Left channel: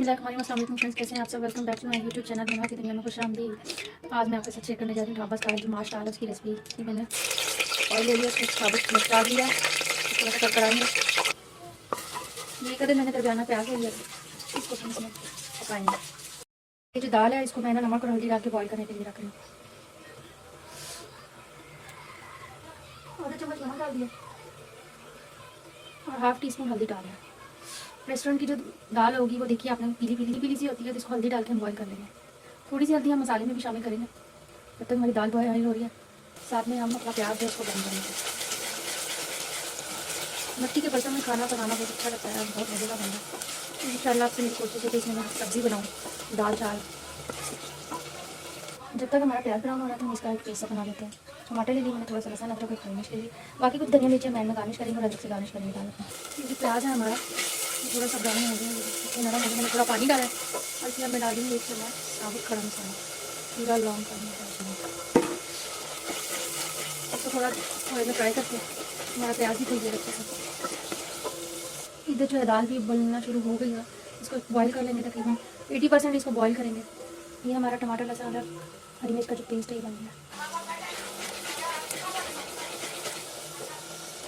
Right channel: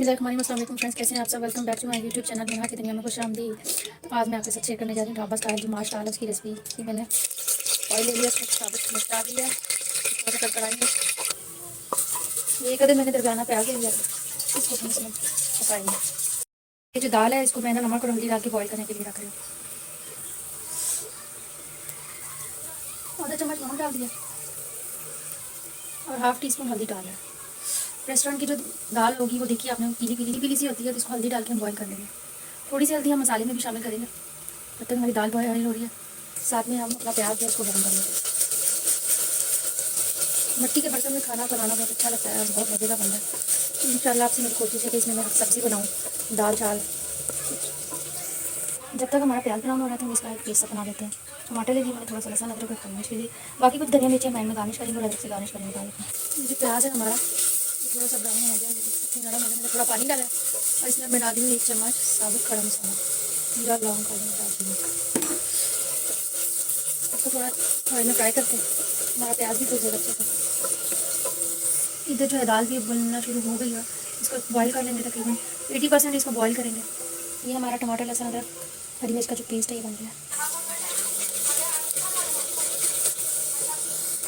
बिस्मिल्लाहिर्रहमानिर्रहीम फ्रेंड्स, कैसे हैं आप सब। Welcome back to my YouTube channel बना की दुनिया में खुशामदीद। तो आज मैं आपके साथ शेयर करने जा रही हूँ ढाबा स्टाइल जो माश दाल उसकी रेसिपी की मैंने ऑयल ले लिया, कुछ साबुत मिर्च डाल दिया, थोड़ा सा कराएंगे। ये कदर मैंने दरगाना प्याज ले लिया, इसको हम इसमें पकाएंगे। ये जो दाल है इसको मैंने नमक और हल्दी डाल के बॉयल करने के लिए रख रही हूँ। आधा चम्मच नमक डाल दिया और हाफ टी स्पून हल्दी डाल दिया। रेस्टोरेंट की जो दाल होगी वो देखिए आपने पीली पीली पीली सी होती है, तो इसको हल्दी डाल के हम बॉयल कर लेंगे। थोड़ी सी हल्दी हम मसाले में भी शामिल करेंगे। जब तक हमारी दाल बॉयल हो रही है साथ में हम अपना प्याज भी उसको गर्म करेंगे। मिट्टी के बर्तन में खाना बनाना बहुत अच्छा लगता है, बहुत मज़े का बनता है। इंशाल्लाह आपसे मेरी कोशिश है कि इसमें मैं सब्ज़ी बनाऊँ, दाल चावल। जब तक हमारा प्याज ब्राउन हो रहा है तो हम इसका एक पेस्ट बना लेते हैं। टमाटर ले लिए मैंने, थोड़ा सा लहसुन अदरक को गार्निश के लिए, बाकी कुछ धनिया मिर्ची मैं गार्निश करेंगे और अलग से गार्निश करेंगे दाल में। ये प्याज है हमारा थोड़ा सा ब्राउन हो गया, नरम हो गया, मैंने थोड़ा पानी डाला है और इसमें मैं बना दूँगी 1 चम्मच साबुत खड़ा मसाला, पूरा लौंग का डाल। इसको थोड़ा ऑयल में फ्राई करके हमारा प्याज भी भून जाएगा अच्छे से। इधर जो है दाल भी बनना शुरू हो गई है, इसको बॉईल कर लेंगे तकरीबन 80% इसको बॉईल करेंगे। ये हमारा टमाटर लहसुन अदरक हरी मिर्च का जो पेस्ट है ये बन गया।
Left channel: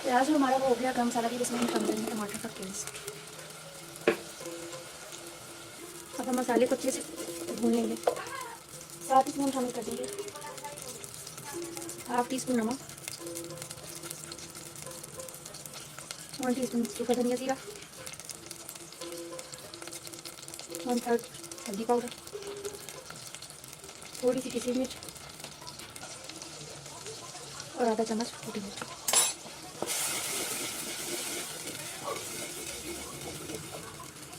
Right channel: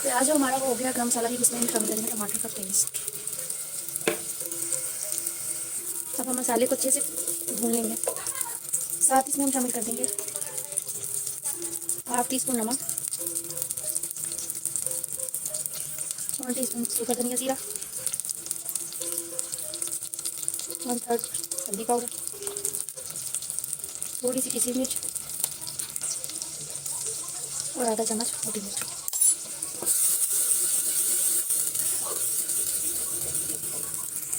प्याज जो हमारा हो गया, गरम मसाला भी इसमें कम करेंगे, टमाटर का पेस्ट। अब हम मसाले को अच्छे से भून लेंगे। साथ इसमें हम शामिल कर देंगे हाफ टी स्पून नमक, 1 टीस्पून सूखा धनिया जीरा, 1/3 हल्दी पाउडर, थोड़ी सी किसी मिर्च और आधा चम्मच मोटी मिर्च।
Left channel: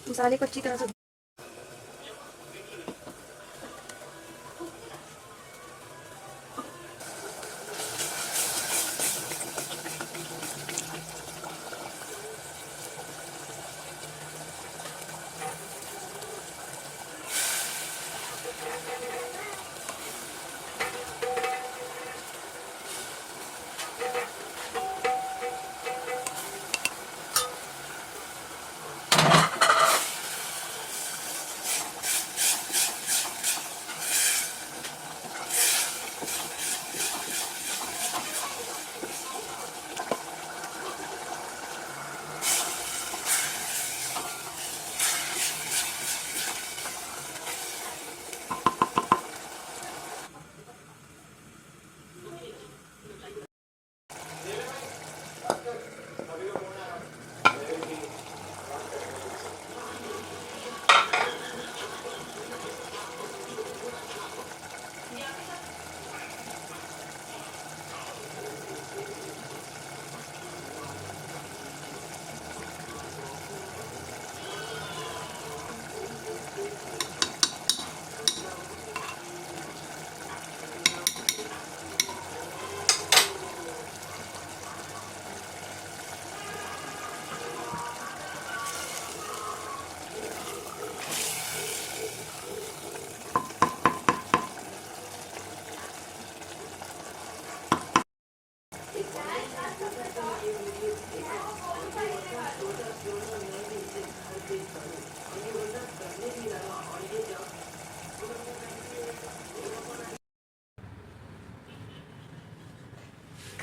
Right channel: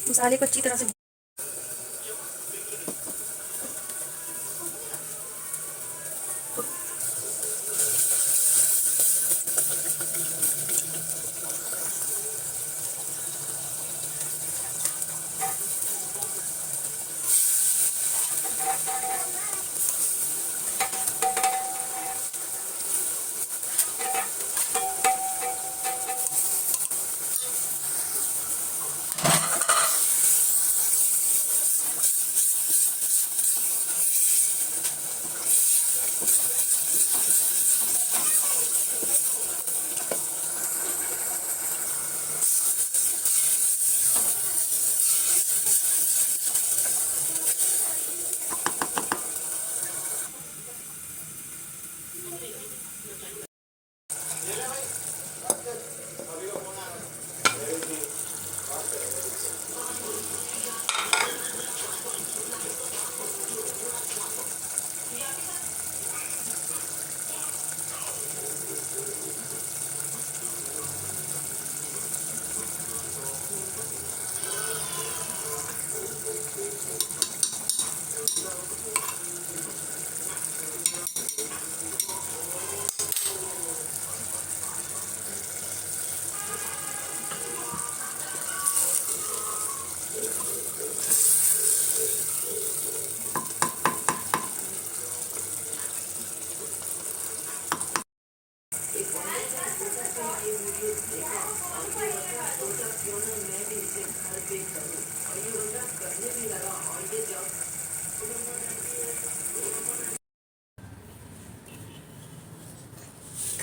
मसाले को अच्छी तरह से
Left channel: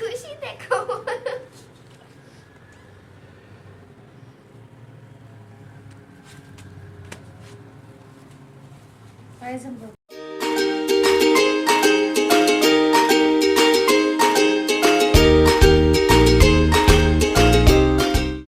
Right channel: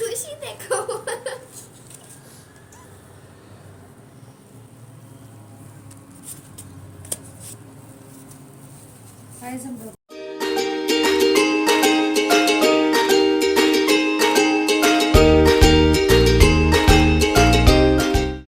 खुशी देखो।